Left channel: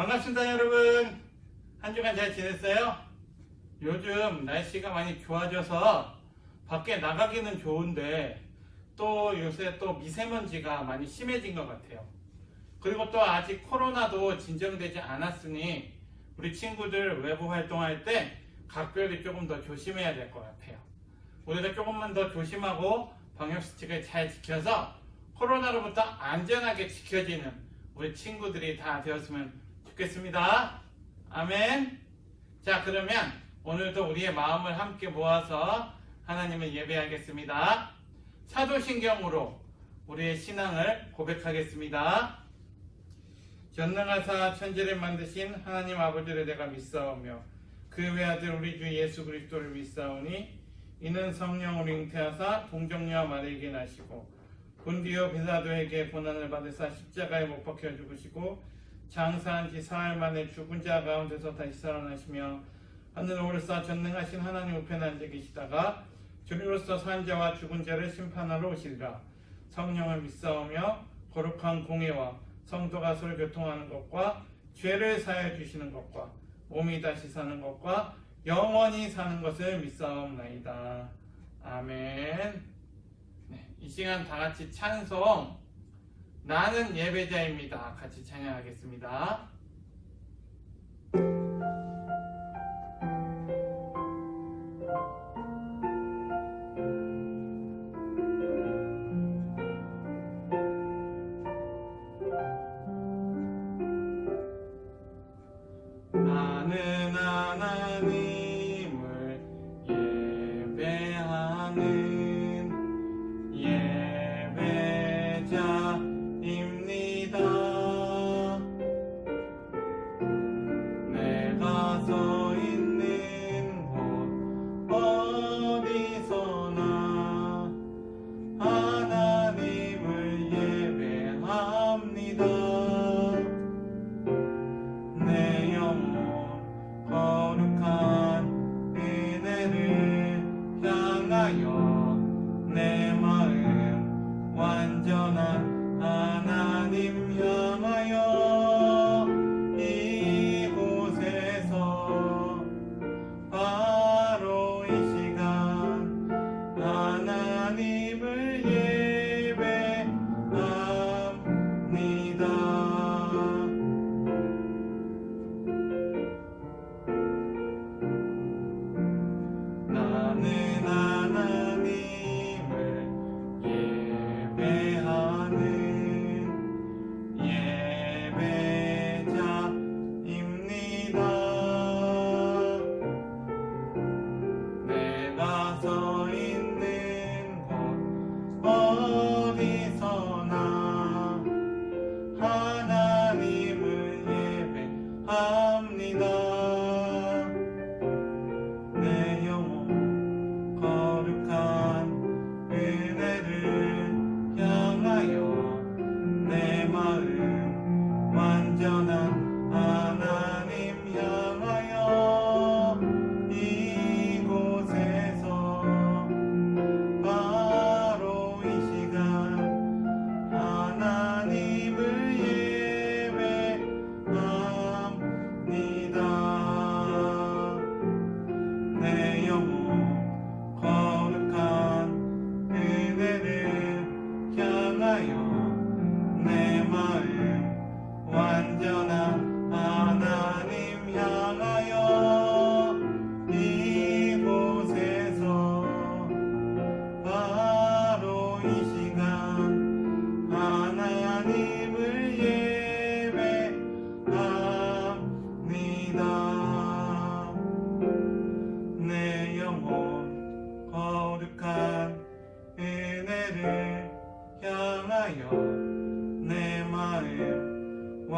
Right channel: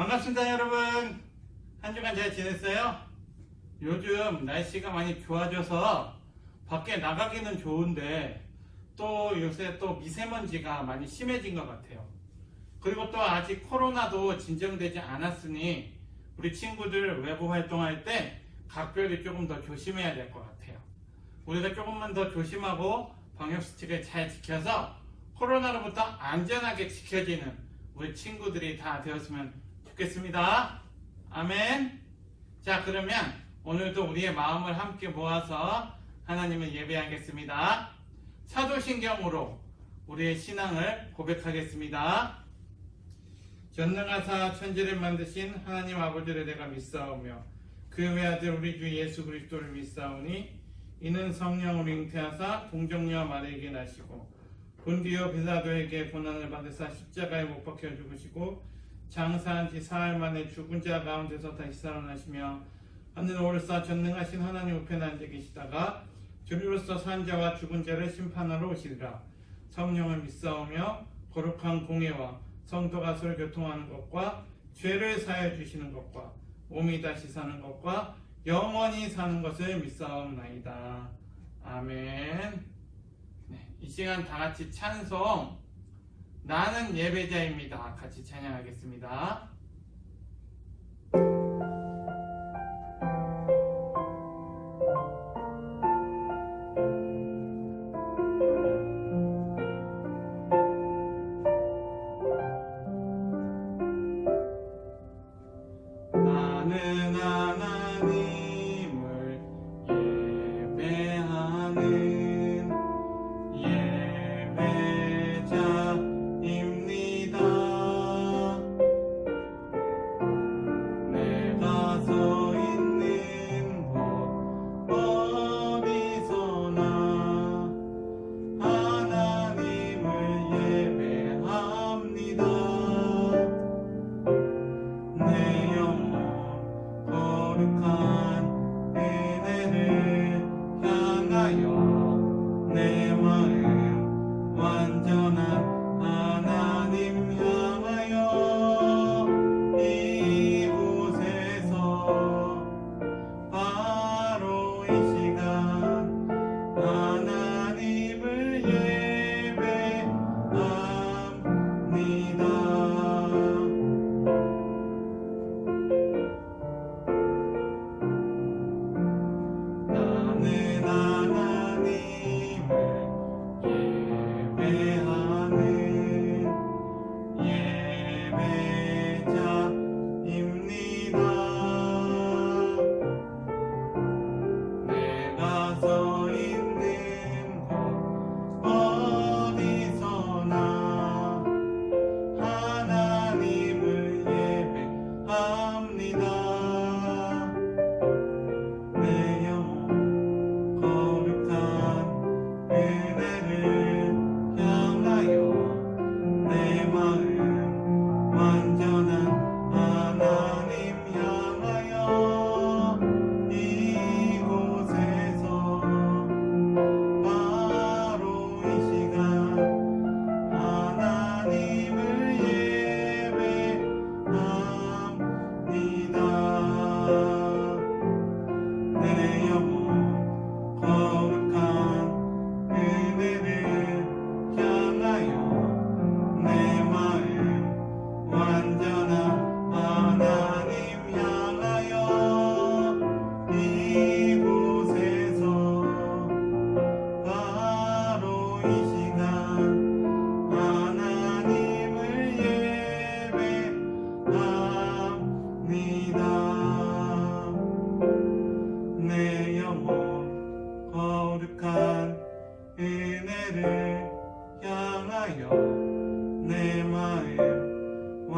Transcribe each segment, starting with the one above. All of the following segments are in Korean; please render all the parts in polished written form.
반갑습니다 여러분. 한 주간 잘 지냈어요? 요즘 날씨가 많이 좋아져서 밖에 나가기는 좋은데 또 요새 또 미세먼지가 많이 심해진 것 같아요. 그리고 또 아직 코로나도 진정되지 않았으니 우리 친구들 외부 활동할 때 각별히 조금 더 조심해야 될 것 같아요. 우리가 조금만 더 조심하고 방역수칙을 잘 지켜서 코로나로부터 안전하게 지켜지는 우리 친구들이 다 되었으면 좋겠습니다. 아멘. 자, 그러면 오늘도 우리의 마음을 함께 모아서 하나님을 예배하겠습니다. 사도신경으로 우리의 신앙을 고백하겠습니다. 전능하사 천지를 만드신 하나님 아버지를 내가 믿사오며 그 외아들 우리 주 예수 그리스도를 믿사오니 이는 성령을 잉태하사 동정녀와 마리에게 나시고 본디오 빌라도에게 고난을 받으사 십자가에 못 박혀 죽으시고 장사한 지 사흘 만에 죽은 자 가운데서 다시 살아나시며 하늘 오르사 전능하신 하나님 우편에 앉아 계시다가 주리로서 산 자와 죽은 자를 심판하러 오시리라. 성령을 믿사오며 거룩한 공예와 성도가 서로 교통하는 것과 죄를 사하여 주시는 것과 몸이 다시 사는 것과 영원히 사는 것을 믿사옵나이다. 아멘. 네, 이 시간 다 같이 찬송 나는 예배자입니다. 같이 찬양하겠습니다. 나는 하나님을 예배하는 예배자입니다.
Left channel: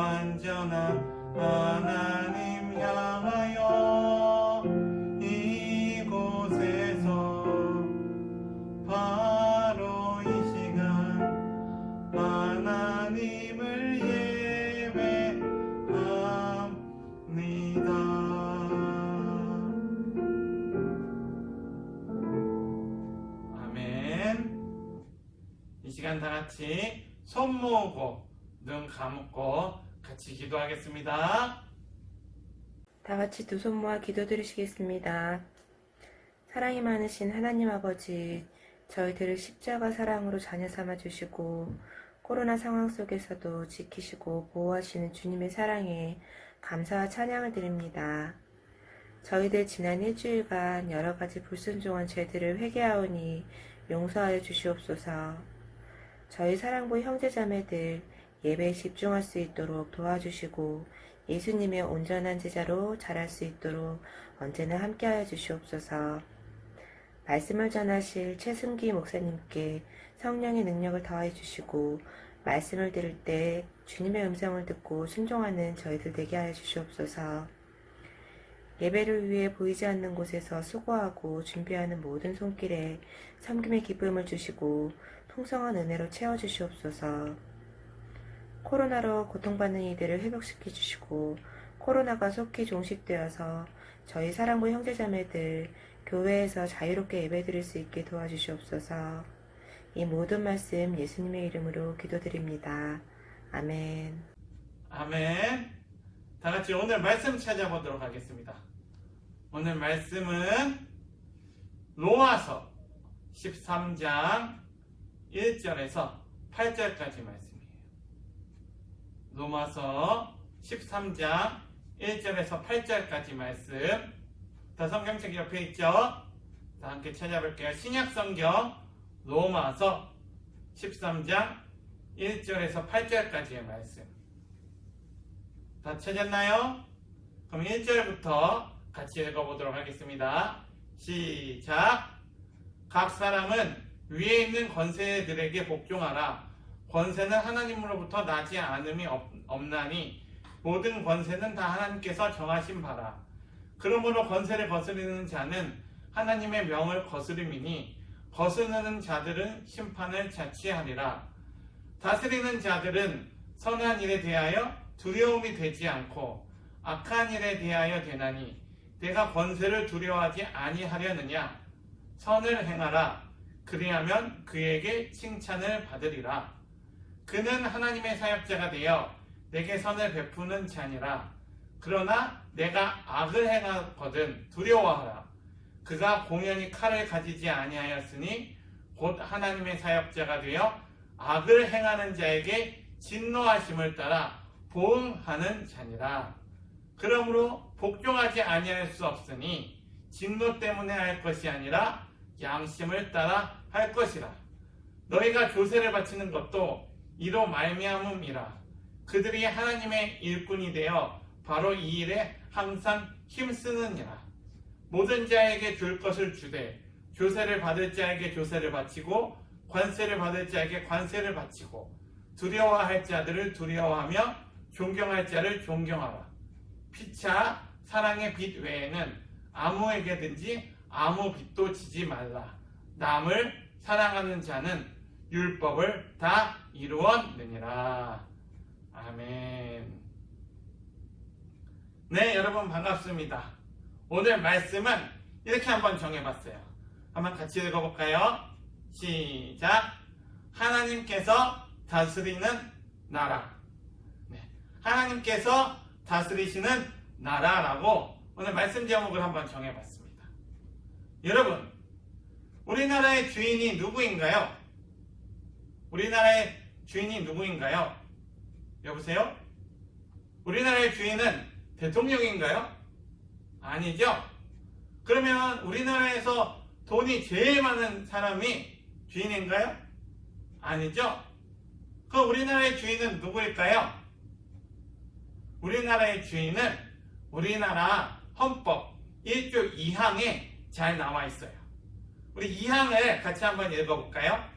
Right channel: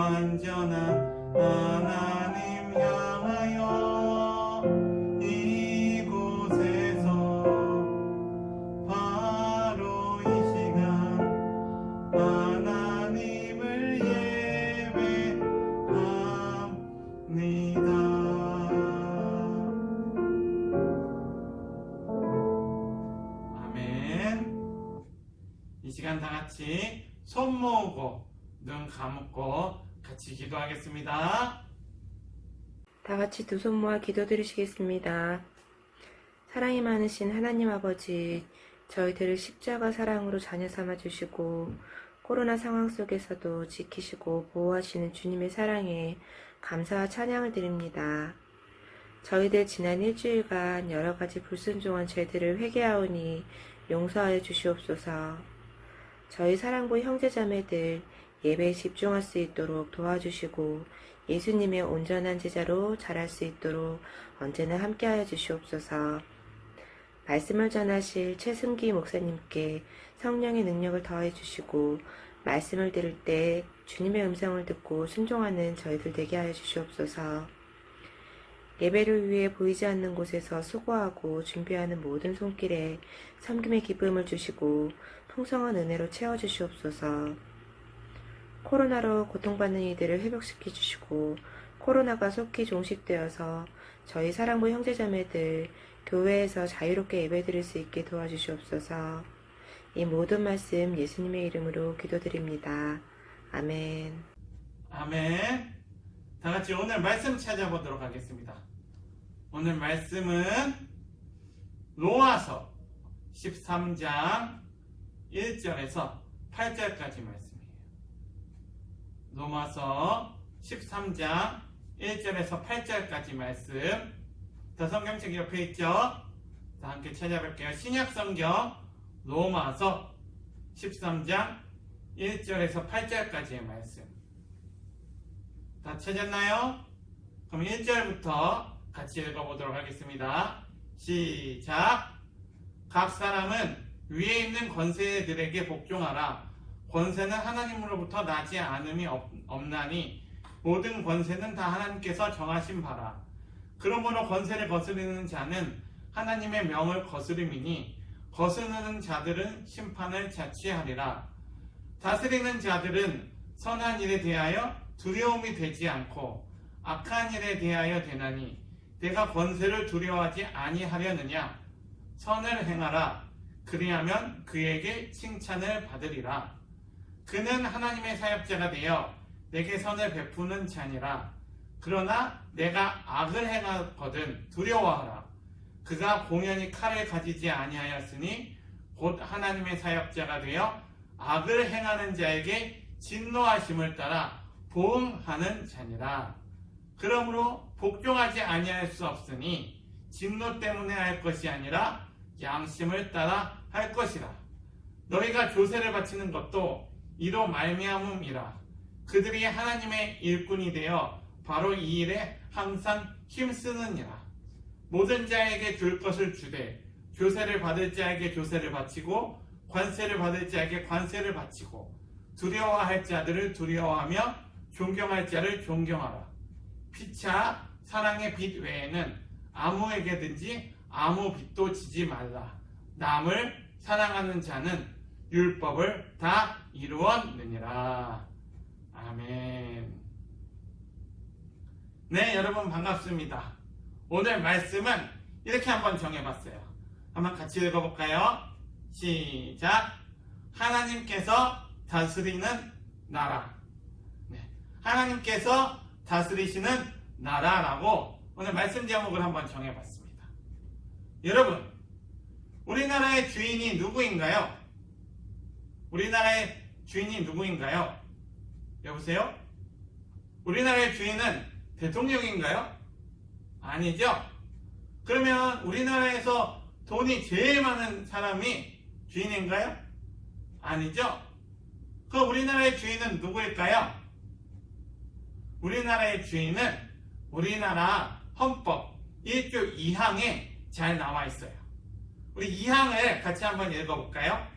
완전한 하나님 향하여 이곳에서 바로 이 시간 하나님을 예배합니다. 아멘. 이 시간 다 같이 손 모으고 눈 감고 같이 기도하겠습니다. 다 같이 두 손 모아 기도드리시겠습니다. 사랑이 많으신 하나님 아버지, 저희들을 십자가 사랑으로 자녀 삼아 주시고 코로나 상황 속에서도 지키시고 보호하시는 주님의 사랑에 감사와 찬양을 드립니다. 저희들 지난 일주일간 여러 가지 불순종한 죄들을 회개하오니 용서하여 주시옵소서. 저희 사랑부 형제자매들 예배에 집중할 수 있도록 도와주시고 예수님의 온전한 제자로 자랄 수 있도록 언제나 함께하여 주시옵소서. 말씀을 전하실 최승기 목사님께 성령의 능력을 더해 주시고 말씀을 들을 때 주님의 음성을 듣고 순종하는 저희들 되게 하여 주시옵소서. 예배를 위해 보이지 않는 곳에서 수고하고 준비하는 모든 손길에 섬김의 기쁨을 주시고 풍성한 은혜로 채워주시옵소서. 코로나로 고통받는 이들을 회복시켜 주시고 코로나가 속히 종식되어서 저희 사랑부 형제자매들 교회에서 자유롭게 예배드릴 수 있게 도와주시옵소서. 이 모든 말씀 예수님의 이름으로 기도드립니다. 아멘. 아멘. 다 같이 오늘 말씀 찾아보도록 하겠습니다. 오늘 말씀은 로마서 13장 1절에서 8절까지 말씀이에요. 로마서 13장 1절에서 8절까지 말씀. 더 성경책 옆에 있죠? 자, 함께 찾아볼게요. 신약성경 로마서 13장 1절에서 8절까지의 말씀. 다 찾았나요? 그럼 1절부터 같이 읽어보도록 하겠습니다. 시작. 각 사람은 위에 있는 권세들에게 복종하라. 권세는 하나님으로부터 나지 않음이 없나니 모든 권세는 다 하나님께서 정하신 바라. 그러므로 권세를 거스르는 자는 하나님의 명을 거스름이니 거스르는 자들은 심판을 자취하리라. 다스리는 자들은 선한 일에 대하여 두려움이 되지 않고 악한 일에 대하여 되나니 내가 권세를 두려워하지 아니하려느냐. 선을 행하라. 그리하면 그에게 칭찬을 받으리라. 그는 하나님의 사역자가 되어 내게 선을 베푸는 자니라. 그러나 내가 악을 행하거든 두려워하라. 그가 공연히 칼을 가지지 아니하였으니 곧 하나님의 사역자가 되어 악을 행하는 자에게 진노하심을 따라 보응하는 자니라. 그러므로 복종하지 아니할 수 없으니 진노 때문에 할 것이 아니라 양심을 따라 할 것이라. 너희가 조세를 바치는 것도 이로 말미암음이라. 그들이 하나님의 일꾼이 되어 바로 이 일에 항상 힘쓰느니라. 모든 자에게 줄 것을 주되 조세를 받을 자에게 조세를 바치고 관세를 받을 자에게 관세를 바치고 두려워할 자들을 두려워하며 존경할 자를 존경하라. 피차 사랑의 빚 외에는 아무에게든지 아무 빚도 지지 말라. 남을 사랑하는 자는 율법을 다 이루었느니라. 아멘. 네, 여러분 반갑습니다. 오늘 말씀은 이렇게 한번 정해봤어요. 한번 같이 읽어볼까요? 시작. 하나님께서 다스리는 나라. 네, 하나님께서 다스리시는 나라라고 오늘 말씀 제목을 한번 정해봤습니다. 여러분, 우리나라의 주인이 누구인가요? 우리나라의 주인이 누구인가요? 여보세요? 우리나라의 주인은 대통령인가요? 아니죠? 그러면 우리나라에서 돈이 제일 많은 사람이 주인인가요? 아니죠? 그럼 우리나라의 주인은 누구일까요? 우리나라의 주인은 우리나라 헌법 1조 2항에 잘 나와 있어요. 우리 2항을 같이 한번 읽어볼까요?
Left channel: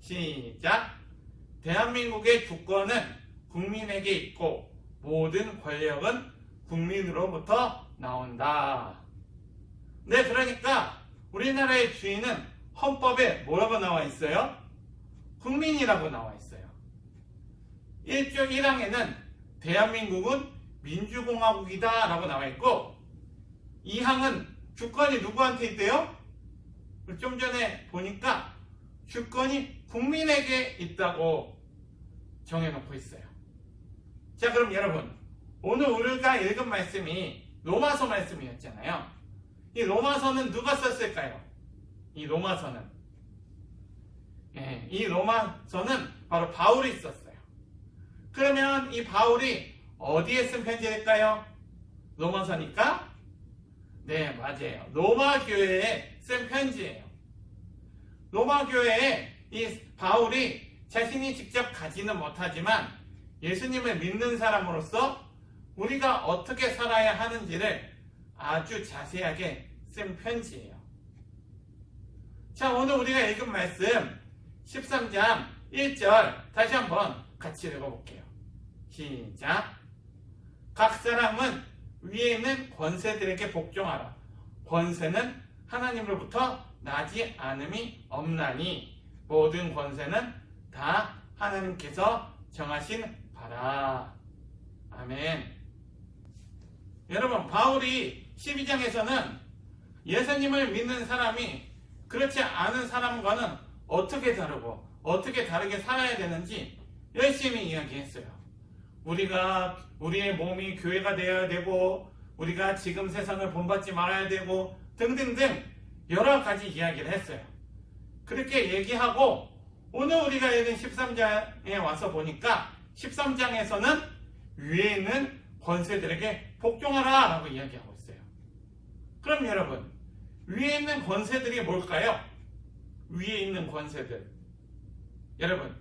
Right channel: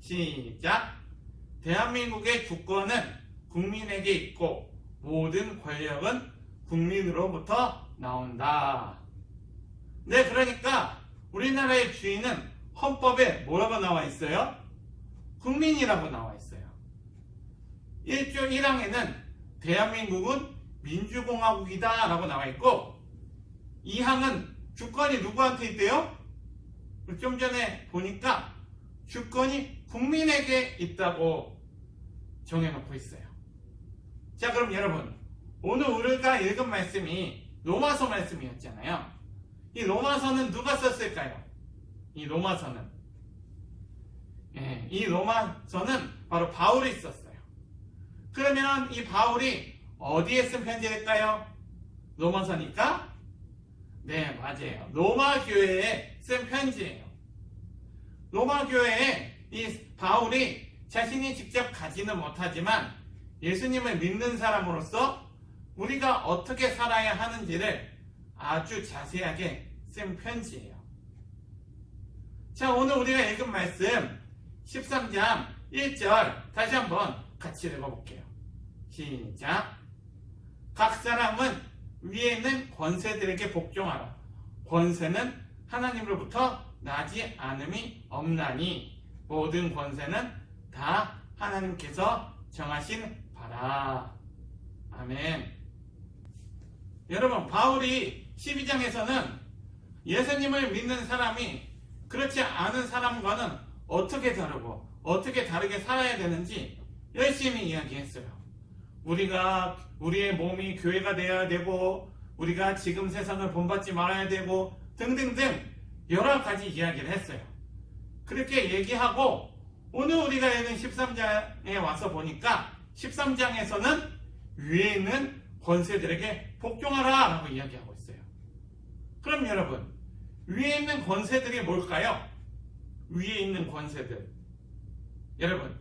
시작. 대한민국의 주권은 국민에게 있고 모든 권력은 국민으로부터 나온다. 네, 그러니까 우리나라의 주인은 헌법에 뭐라고 나와 있어요? 국민이라고 나와 있어요. 1조 1항에는 대한민국은 민주공화국이다 라고 나와 있고 2항은 주권이 누구한테 있대요? 좀 전에 보니까 주권이 국민에게 있다고 정해놓고 있어요. 자, 그럼 여러분, 오늘 우리가 읽은 말씀이 로마서 말씀이었잖아요. 이 로마서는 누가 썼을까요? 이 로마서는 바로 바울이 썼어요. 그러면 이 바울이 어디에 쓴 편지일까요? 로마서니까? 네, 맞아요. 로마 교회에 쓴 편지예요. 로마 교회에 이 바울이 자신이 직접 가지는 못하지만 예수님을 믿는 사람으로서 우리가 어떻게 살아야 하는지를 아주 자세하게 쓴 편지예요. 자, 오늘 우리가 읽은 말씀 13장 1절 다시 한번 같이 읽어볼게요. 시작. 각 사람은 위에 있는 권세들에게 복종하라. 권세는 하나님으로부터 나지 않음이 없나니 모든 권세는 다 하나님께서 정하신 바라. 아멘. 여러분, 바울이 12장에서는 예수님을 믿는 사람이 그렇지 않은 사람과는 어떻게 다르고 어떻게 다르게 살아야 되는지 열심히 이야기했어요. 우리의 몸이 교회가 되어야 되고 우리가 지금 세상을 본받지 말아야 되고 등등등 여러 가지 이야기를 했어요. 그렇게 얘기하고 오늘 우리가 읽은 13장에 와서 보니까 13장에서는 위에 있는 권세들에게 복종하라 라고 이야기하고 있어요. 그럼 여러분, 위에 있는 권세들이 뭘까요? 위에 있는 권세들, 여러분,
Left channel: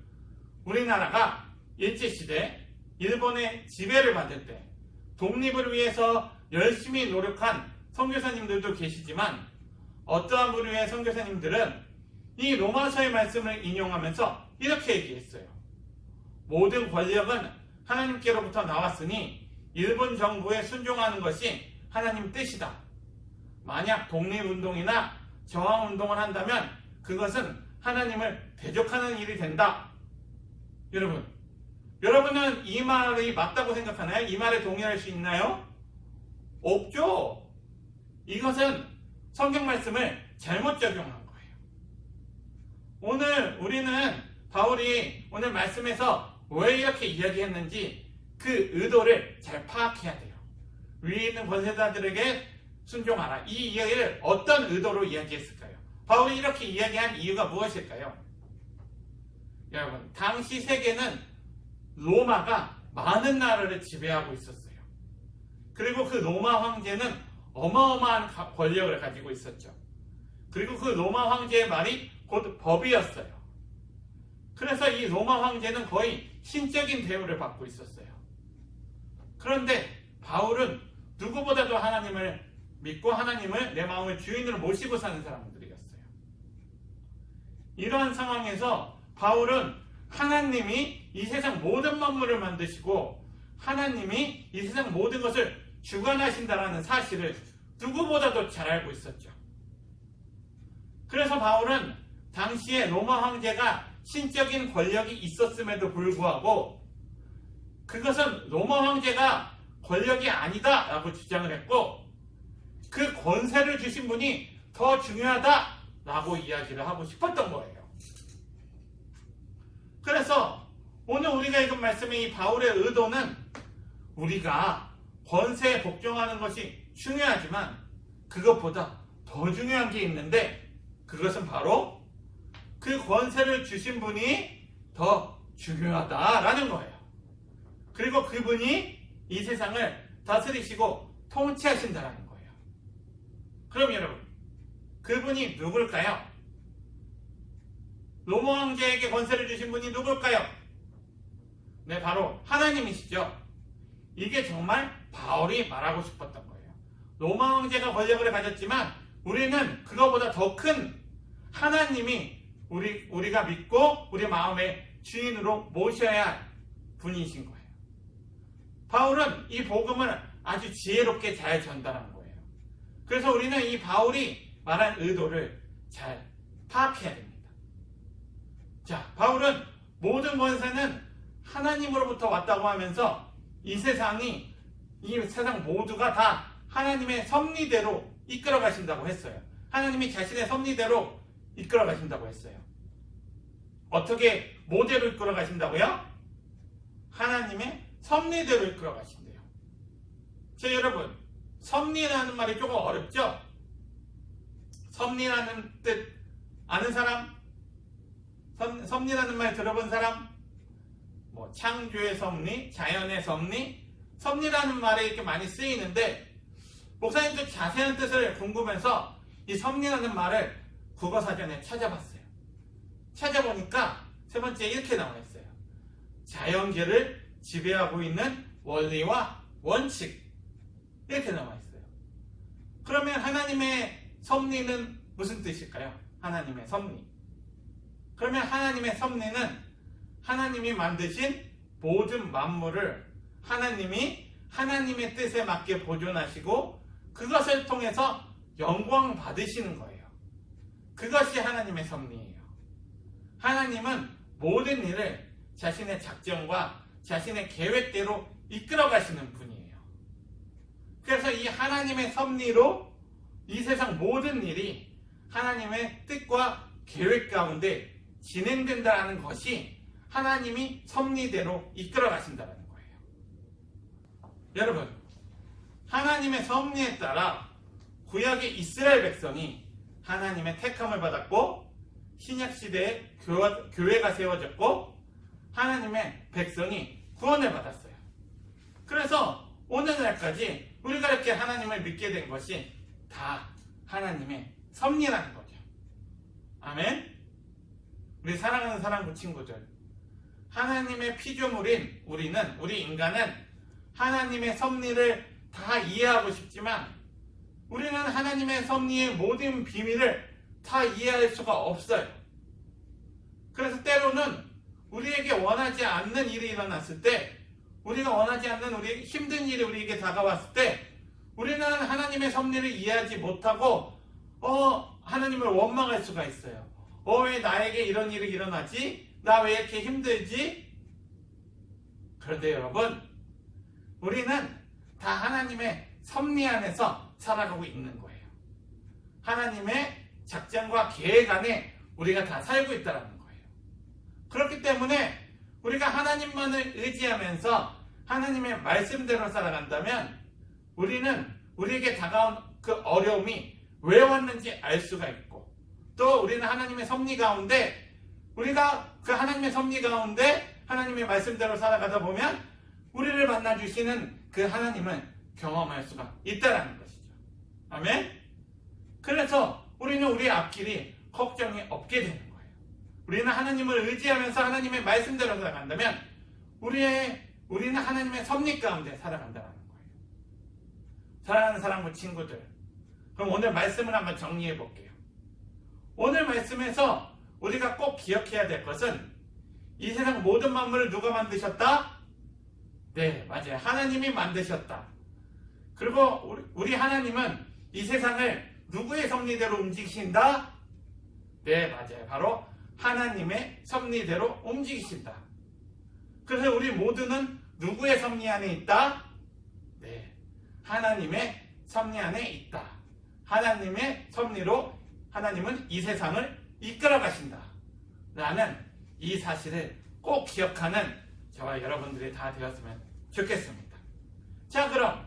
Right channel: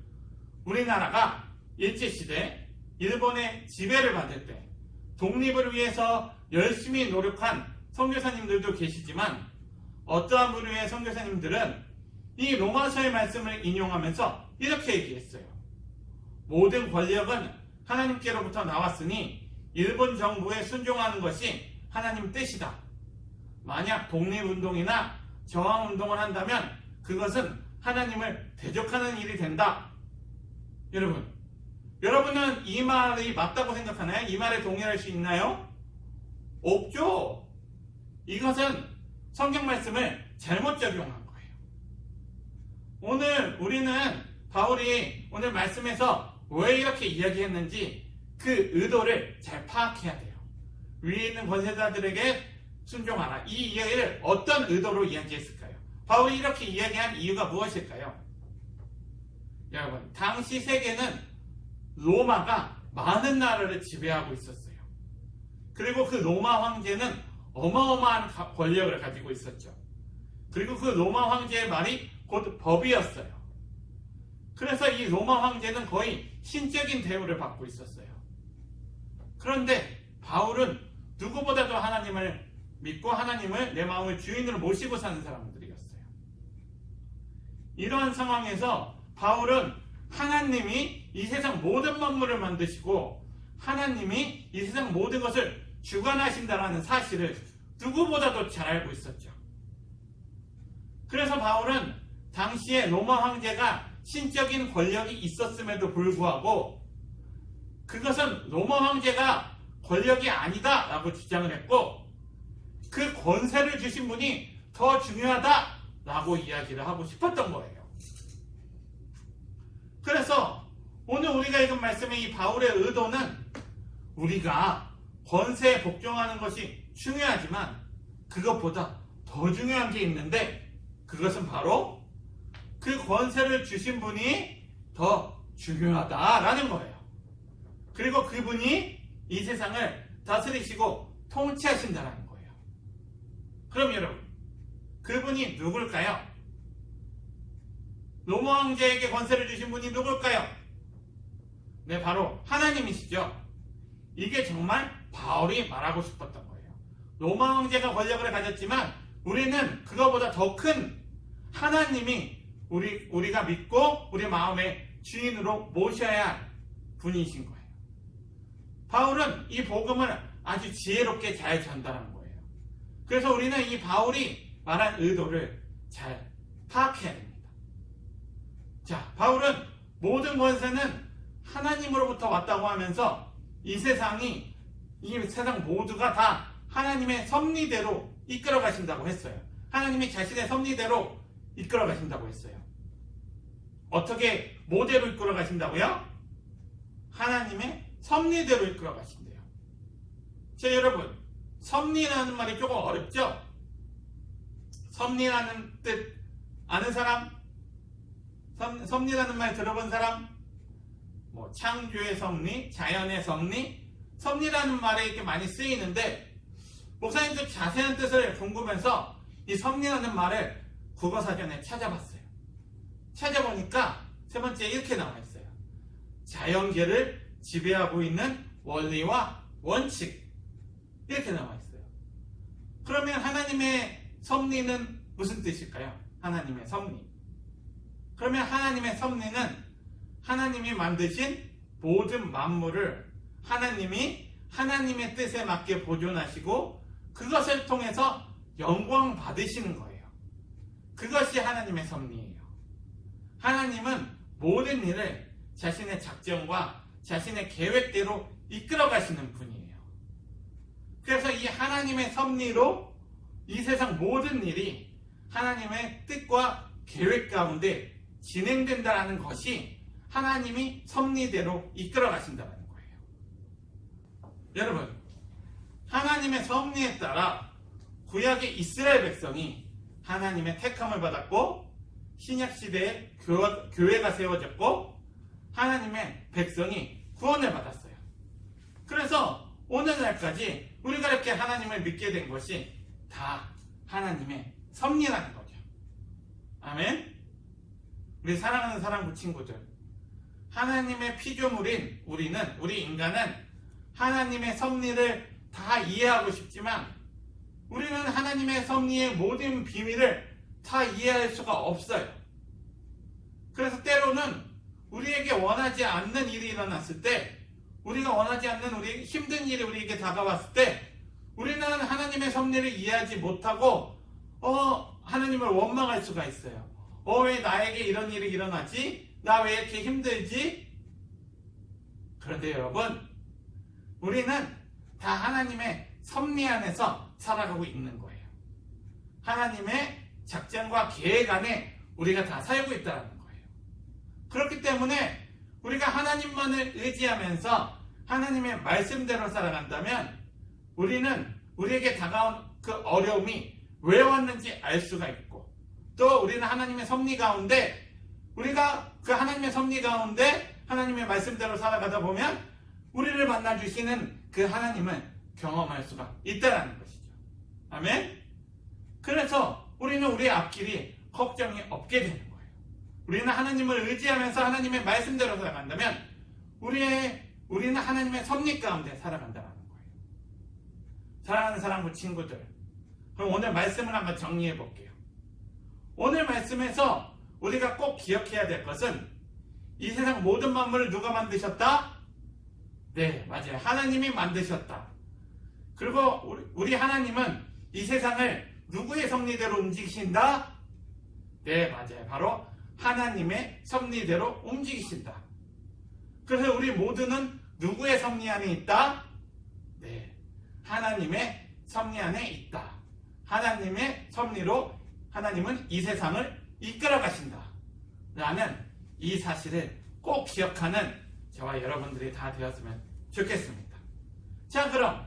우리나라가 일제시대 일본의 지배를 받을 때 독립을 위해서 열심히 노력한 선교사님들도 계시지만 어떠한 부류의 선교사님들은 이 로마서의 말씀을 인용하면서 이렇게 얘기했어요. 모든 권력은 하나님께로부터 나왔으니 일본 정부에 순종하는 것이 하나님 뜻이다. 만약 독립운동이나 저항운동을 한다면 그것은 하나님을 대적하는 일이 된다. 여러분은 이 말이 맞다고 생각하나요? 이 말에 동의할 수 있나요? 없죠. 이것은 성경 말씀을 잘못 적용한 거예요. 오늘 우리는 바울이 오늘 말씀에서 왜 이렇게 이야기했는지 그 의도를 잘 파악해야 돼요. 위에 있는 권세자들에게 순종하라. 이 이야기를 어떤 의도로 이야기했을까요? 바울이 이렇게 이야기한 이유가 무엇일까요? 여러분, 당시 세계는 로마가 많은 나라를 지배하고 있었어요. 그리고 그 로마 황제는 어마어마한 권력을 가지고 있었죠. 그리고 그 로마 황제의 말이 곧 법이었어요. 그래서 이 로마 황제는 거의 신적인 대우를 받고 있었어요. 그런데 바울은 누구보다도 하나님을 믿고 하나님을 내 마음의 주인으로 모시고 사는 사람들이었어요. 이러한 상황에서 바울은 하나님이 이 세상 모든 만물을 만드시고 하나님이 이 세상 모든 것을 주관하신다라는 사실을 누구보다도 잘 알고 있었죠. 그래서 바울은 당시에 로마 황제가 신적인 권력이 있었음에도 불구하고 그것은 로마 황제가 권력이 아니다 라고 주장을 했고 그 권세를 주신 분이 더 중요하다 라고 이야기를 하고 싶었던 거예요. 그래서 오늘 우리가 읽은 말씀의 이 바울의 의도는 우리가 권세에 복종하는 것이 중요하지만 그것보다 더 중요한 게 있는데 그것은 바로 그 권세를 주신 분이 더 중요하다라는 거예요. 그리고 그분이 이 세상을 다스리시고 통치하신다는 거예요. 그럼 여러분, 그분이 누굴까요? 로마 황제에게 권세를 주신 분이 누굴까요? 네, 바로 하나님이시죠. 이게 정말 바울이 말하고 싶었던 거예요. 로마 황제가 권력을 가졌지만 우리는 그거보다 더 큰 하나님이 우리가 믿고 우리 마음의 주인으로 모셔야 할 분이신 거예요. 바울은 이 복음을 아주 지혜롭게 잘 전달한 거예요. 그래서 우리는 이 바울이 말한 의도를 잘 파악해야 됩니다. 자, 바울은 모든 권세는 하나님으로부터 왔다고 하면서 이 세상 모두가 다 하나님의 섭리대로 이끌어 가신다고 했어요. 하나님이 자신의 섭리대로 이끌어 가신다고 했어요. 어떻게 모델로 이끌어 가신다고요? 하나님의 섭리대로 이끌어 가신대요. 자, 여러분, 섭리라는 말이 조금 어렵죠? 섭리라는 뜻 아는 사람? 섭리라는 말 들어본 사람? 뭐 창조의 섭리, 자연의 섭리, 섭리라는 말에 이렇게 많이 쓰이는데, 목사님도 자세한 뜻을 궁금해서 이 섭리라는 말을 국어사전에 찾아봤어요. 찾아보니까 세 번째 이렇게 나와 있어요. 자연계를 지배하고 있는 원리와 원칙, 이렇게 나와 있어요. 그러면 하나님의 섭리는 무슨 뜻일까요? 하나님의 섭리. 그러면 하나님의 섭리는 하나님이 만드신 모든 만물을 하나님이 하나님의 뜻에 맞게 보존하시고 그것을 통해서 영광 받으시는 거예요. 그것이 하나님의 섭리예요. 하나님은 모든 일을 자신의 작정과 자신의 계획대로 이끌어 가시는 분이에요. 그래서 이 하나님의 섭리로 이 세상 모든 일이 하나님의 뜻과 계획 가운데 진행된다는 것이 하나님이 섭리대로 이끌어 가신다는 거예요. 여러분, 하나님의 섭리에 따라 구약의 이스라엘 백성이 하나님의 택함을 받았고 신약시대에 교회가 세워졌고 하나님의 백성이 구원을 받았어요. 그래서 오늘날까지 우리가 이렇게 하나님을 믿게 된 것이 다 하나님의 섭리라는 거죠. 아멘. 우리 사랑하는 사랑부 친구들, 하나님의 피조물인 우리 인간은 하나님의 섭리를 다 이해하고 싶지만 우리는 하나님의 섭리의 모든 비밀을 다 이해할 수가 없어요. 그래서 때로는 우리에게 원하지 않는 일이 일어났을 때, 우리가 원하지 않는 우리 힘든 일이 우리에게 다가왔을 때 우리는 하나님의 섭리를 이해하지 못하고 하나님을 원망할 수가 있어요. 왜 나에게 이런 일이 일어나지? 나 왜 이렇게 힘들지? 그런데 여러분, 우리는 다 하나님의 섭리 안에서 살아가고 있는 거예요. 하나님의 작전과 계획 안에 우리가 다 살고 있다는 거예요. 그렇기 때문에 우리가 하나님만을 의지하면서 하나님의 말씀대로 살아간다면 우리는 우리에게 다가온 그 어려움이 왜 왔는지 알 수가 있고, 또 우리는 하나님의 섭리 가운데, 우리가 그 하나님의 섭리 가운데 하나님의 말씀대로 살아가다 보면 우리를 만나주시는 그 하나님을 경험할 수가 있다는 것이죠. 아멘? 그래서 우리는 우리의 앞길이 걱정이 없게 되는 거예요. 우리는 하나님을 의지하면서 하나님의 말씀대로 살아간다면 우리는 하나님의 섭리 가운데 살아간다는 거예요. 사랑하는 사랑부 친구들, 그럼 오늘 말씀을 한번 정리해 볼게요. 오늘 말씀에서 우리가 꼭 기억해야 될 것은 이 세상 모든 만물을 누가 만드셨다? 네, 맞아요. 하나님이 만드셨다. 그리고 우리 하나님은 이 세상을 누구의 섭리대로 움직이신다? 네, 맞아요. 바로 하나님의 섭리대로 움직이신다. 그래서 우리 모두는 누구의 섭리 안에 있다? 네, 하나님의 섭리 안에 있다. 하나님의 섭리로 하나님은 이 세상을 이끌어 가신다. 라는 이 사실을 꼭 기억하는 저와 여러분들이 다 되었으면 좋겠습니다. 자, 그럼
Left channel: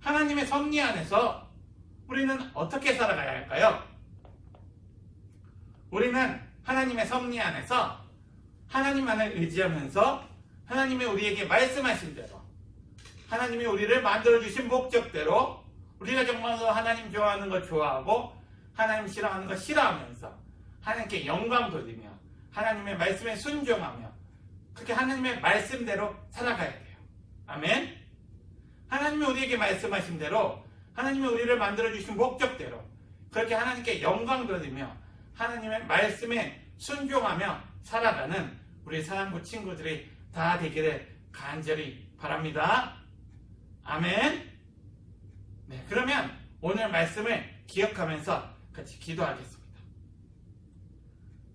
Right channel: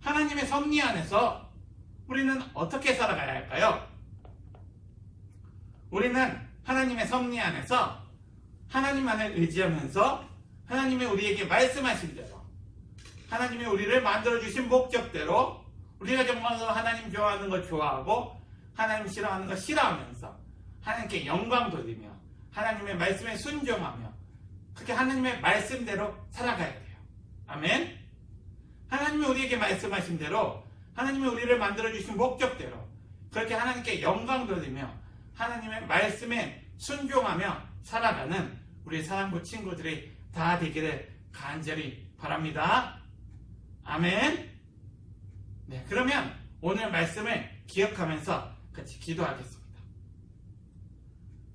하나님의 섭리 안에서 우리는 어떻게 살아가야 할까요? 우리는 하나님의 섭리 안에서 하나님만을 의지하면서 하나님이 우리에게 말씀하신 대로, 하나님이 우리를 만들어주신 목적대로 우리가 정말로 하나님 좋아하는 거 좋아하고 하나님 싫어하는 거 싫어하면서 하나님께 영광 돌리며 하나님의 말씀에 순종하며 그렇게 하나님의 말씀대로 살아가야 돼요. 아멘. 하나님이 우리에게 말씀하신 대로, 하나님이 우리를 만들어주신 목적대로 그렇게 하나님께 영광 돌리며 하나님의 말씀에 순종하며 살아가는 우리 사랑부 친구들이 다 되기를 간절히 바랍니다. 아멘. 네, 그러면 오늘 말씀을 기억하면서 같이 기도하겠습니다.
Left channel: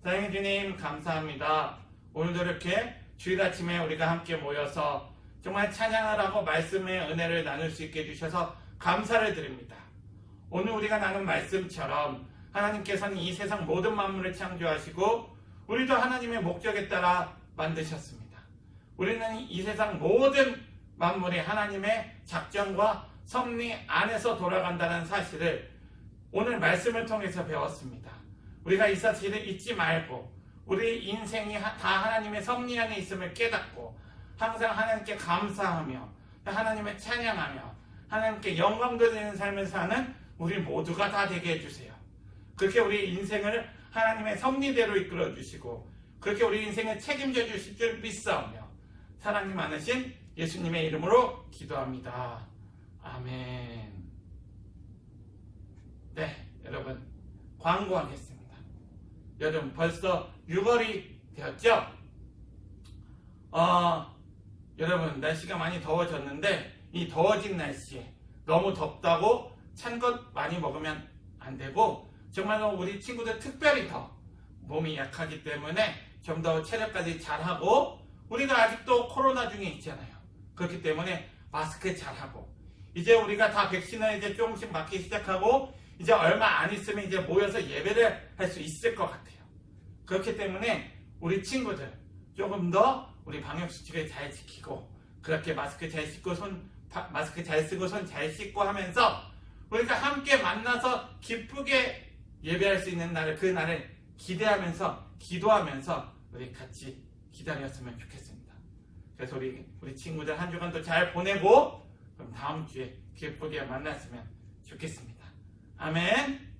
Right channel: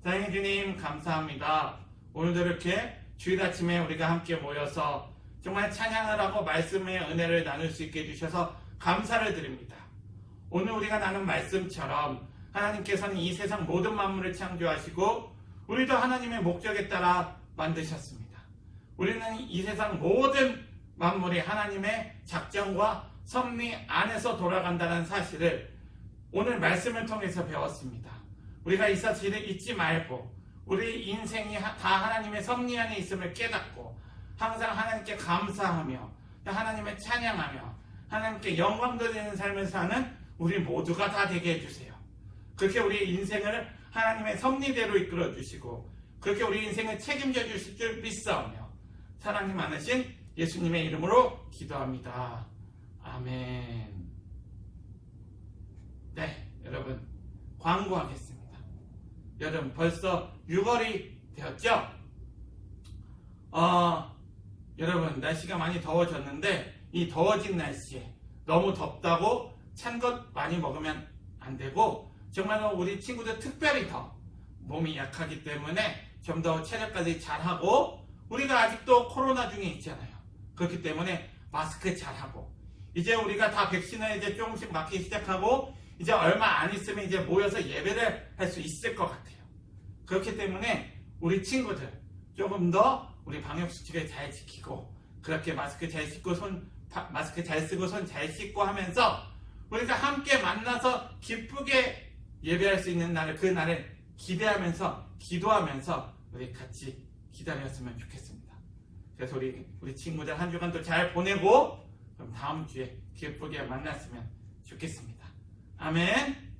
사랑의 주님, 감사합니다. 오늘도 이렇게 주일 아침에 우리가 함께 모여서 정말 찬양을 하고 말씀의 은혜를 나눌 수 있게 해주셔서 감사를 드립니다. 오늘 우리가 나눈 말씀처럼 하나님께서는 이 세상 모든 만물을 창조하시고 우리도 하나님의 목적에 따라 만드셨습니다. 우리는 이 세상 모든 만물이 하나님의 작정과 섭리 안에서 돌아간다는 사실을 오늘 말씀을 통해서 배웠습니다. 우리가 이 사실을 잊지 말고 우리 인생이 다 하나님의 섭리 안에 있음을 깨닫고 항상 하나님께 감사하며 하나님의 찬양하며 하나님께 영광 돌리는 삶을 사는 우리 모두가 다 되게 해주세요. 그렇게 우리 인생을 하나님의 섭리대로 이끌어 주시고 그렇게 우리 인생을 책임져 주실 줄 믿사오며 사랑이 많으신 예수님의 이름으로 기도합니다. 아멘. 네, 여러분 광고하겠습니다. 여러분 벌써 6월이 되었죠? 여러분 날씨가 많이 더워졌는데 이 더워진 날씨에 너무 덥다고 찬 것 많이 먹으면 안 되고 정말로 우리 친구들 특별히 더 몸이 약하기 때문에 좀 더 체력까지 잘하고 우리가 아직도 코로나 중에 있잖아요. 그렇기 때문에 마스크 잘하고 이제 우리가 다 백신을 이제 조금씩 맞기 시작하고 이제 얼마 안 있으면 이제 모여서 예배를 할 수 있을 것 같아요. 그렇기 때문에 우리 친구들 조금 더 우리 방역수칙을 잘 지키고 그렇게 마스크 잘 쓰고 손 잘 씻고 하면서 우리가 함께 만나서 기쁘게 예배할 수 있는 날을 그 날을 기대하면서 기도하면서 우리 같이 기다렸으면 좋겠습니다. 그래서 우리 친구들 한 주간도 잘 보내고 그럼 다음 주에 기쁘게 만났으면 좋겠습니다. 아멘.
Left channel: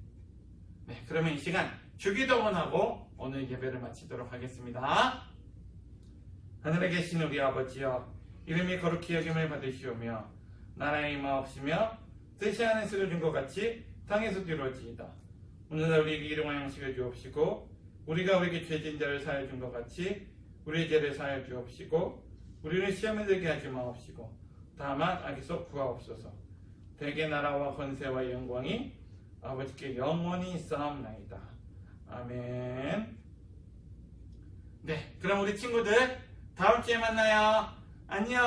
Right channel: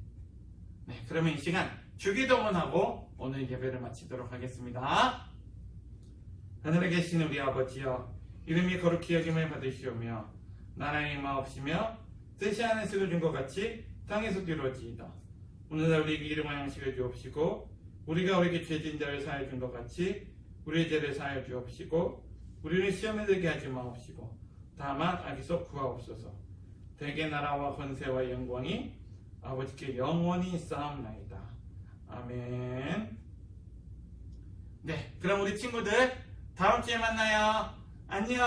네, 그러면 이 시간 주기도문하고 오늘 예배를 마치도록 하겠습니다. 하늘에 계신 우리 아버지여, 이름이 거룩히 여김을 받으시오며 나라의 임하옵시며 뜻이 하늘에서 이루어진 것 같이 땅에서도 이루어지이다. 오늘날 우리에게 일용할 양식을 주옵시고 우리가 우리에게 죄진 자를 사하여 준 것 같이 우리의 죄를 사하여 주옵시고 우리를 시험에 들게 하지 마옵시고 다만 악에서 구하옵소서. 대개 나라와 권세와 영광이 아버지께 영원히 있사옵나이다. 아멘. 네, 그럼 우리 친구들 다음 주에 만나요. 안녕.